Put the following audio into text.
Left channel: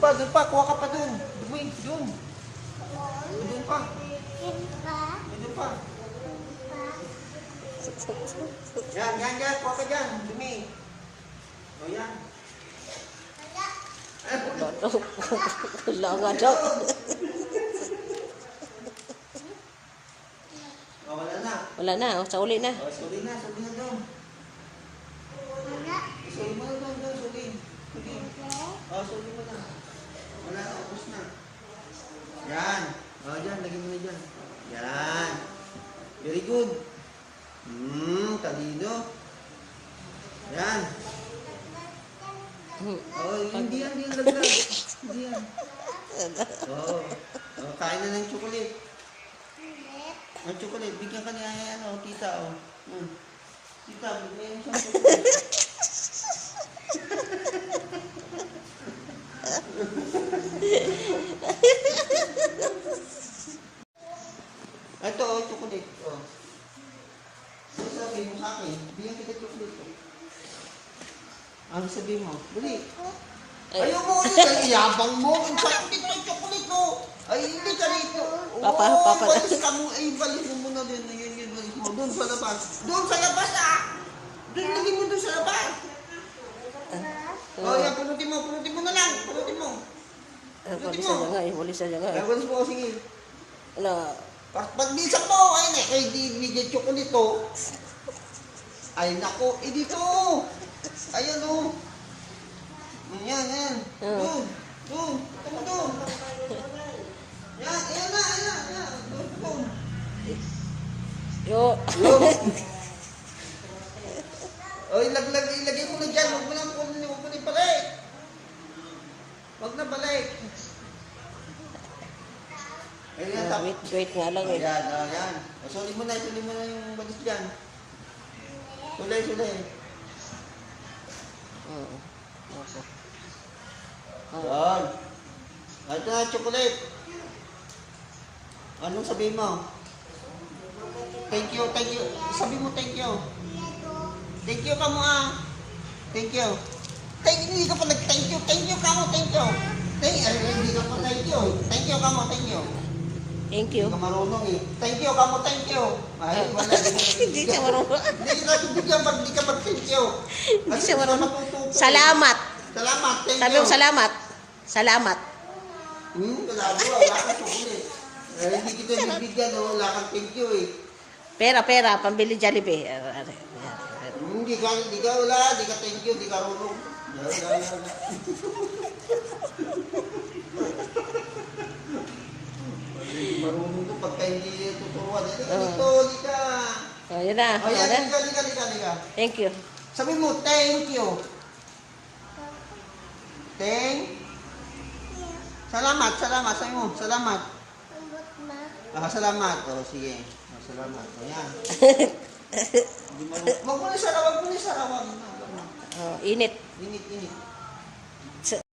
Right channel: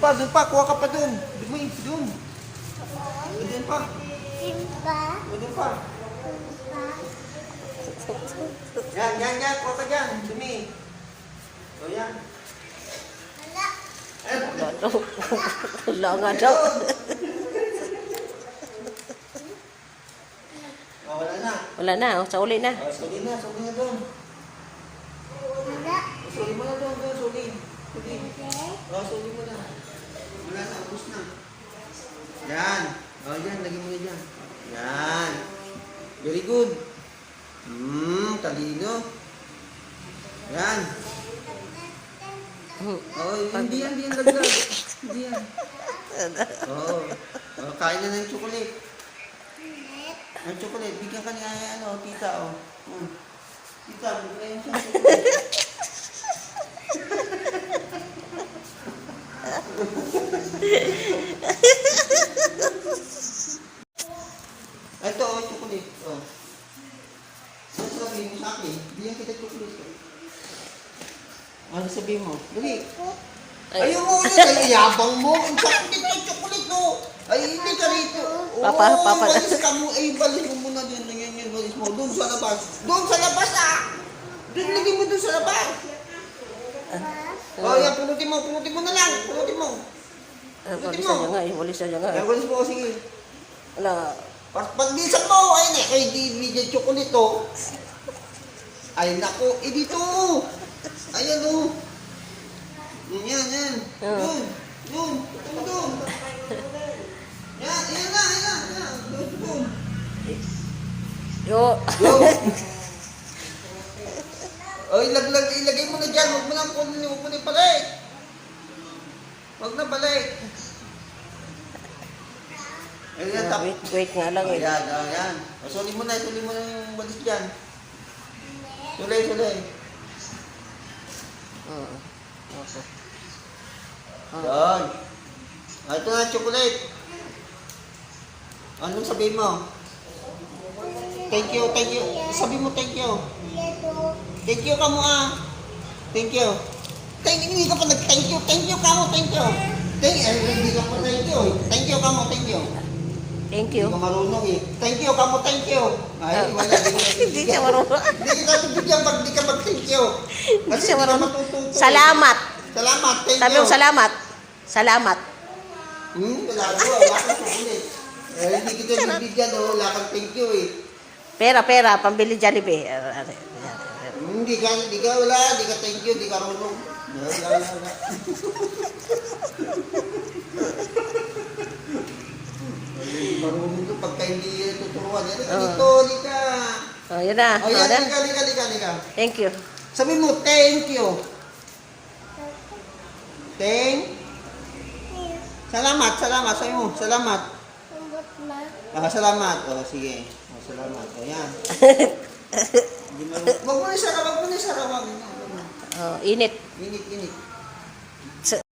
pa, dun pa. Kuha ka pa dun. Dumi, dun. Dun pa. Oh, dun pa. Yan, yan, yan. Kuha ka dyan. Dumi. O yan. Wala nga daw. wala na. Wala na, oh, sa uli na. Oh, suli na, suli na doon. Suli mo na doon, doon, suli. Suli. Oh, suli mo na. Wala na, ubus na. Yan. Oh, dyan, lagyan mo na dyan. Yan. Very good. Hmm, talino. Yan. Hmm. Oh, hindi yan, hindi yan laglag. Hindi yan. Oo. Oh, kain na ng chocolate. Ang chocolate, bigyan ka niya yan, oh, tita, oh. Hmm. Tita, bigyan niya yung chocolate. Ay, ito, oh, chocolate. Oh. Ano sabihin mo sa akin? Bigyan kita chocolate. oh. Ano sabihin mo? Dali. Ay. Ayaw mo yun, ay yabang mo. Ang chocolate mo, chocolate mo. Ay, hindi ka rito. Oo, Papa, papa. balis ka mo. Ay, balis mo muna din. Yan, yan, balis mo. Doon sa labas. Doon sa labas, ah. Doon, lagay mo doon sa labas. Oh, yan, punutin mo. Punutin mo na lang. Punutin mo. Ah, Walis na nga, eh, walis na nga. Yan, balis mo. Sige. Wala. Pag pagbisan mo, ayun eh, kay bibigyan chocolate to. Ay nako, eh dito. Ayan o. Yan, yan. Ah. Doon, doon. Ito mo doon. Yan, ayan na, ayan na. Ayan, doon, doon. Yo. Yo. Oy, laglag, ilagay mo na dyan. Huwag mo nang kunin, huwag mo na balik. Huwag na balik. Ayan, tap. Wait, wait nga lang. eh. Ayan, ayan. Suli mo na, suli mo na yung balis dyan. Sulay, sulay. Mm. Okay. Ah, Yan. Ito na, chocolate. Anong sabihin mo? Thank you, thank you. Sabi mo thank you. Thank you ka mo ah. Thank you. Thank you, hindi ka pa nag-thank you. Thank you ka mo, thank you. Thank you, hindi ka pa thank you. Thank you ka mo, thank you. Thank Hindi you. ka marunong eh. Thank you ka mo, thank you. Ay, wala. Hindi ka Hindi siya marunong. Hindi ka bibigyan pag hindi ka mag-thank you. Hindi siya hindi ka marunong. eh. Salamat. Salamat, thank Sabi you. mo salamat. Salamat. Hmm, wala ka, wala chocolate. Eh, hindi kita bibigyan, oh, wala kang thank you eh. Pera, pera. Pambili Jollibee. Ah, ah, ah, Hmm, Hindi ka, hindi ka, wala, hindi ka thank you, hindi ka marunong. Wala, wala, wala. Ay, Marunong to pagka hindi eh, tuturuan. Hindi ka Ah. dito, hindi ka. ah. yun na. O Yun yan, na. hindi ka, hindi ka, hindi ka, hindi ka. Thank you. Sabi mo, thank you. Thank. Salamat, salamat. Sabi mo, salamat. Ah, salamat. O, sige. O, salamat. O, yan. Hindi mo, wag mo na isara, wag mo na isara, wag mo na. Oh, init. Init, init.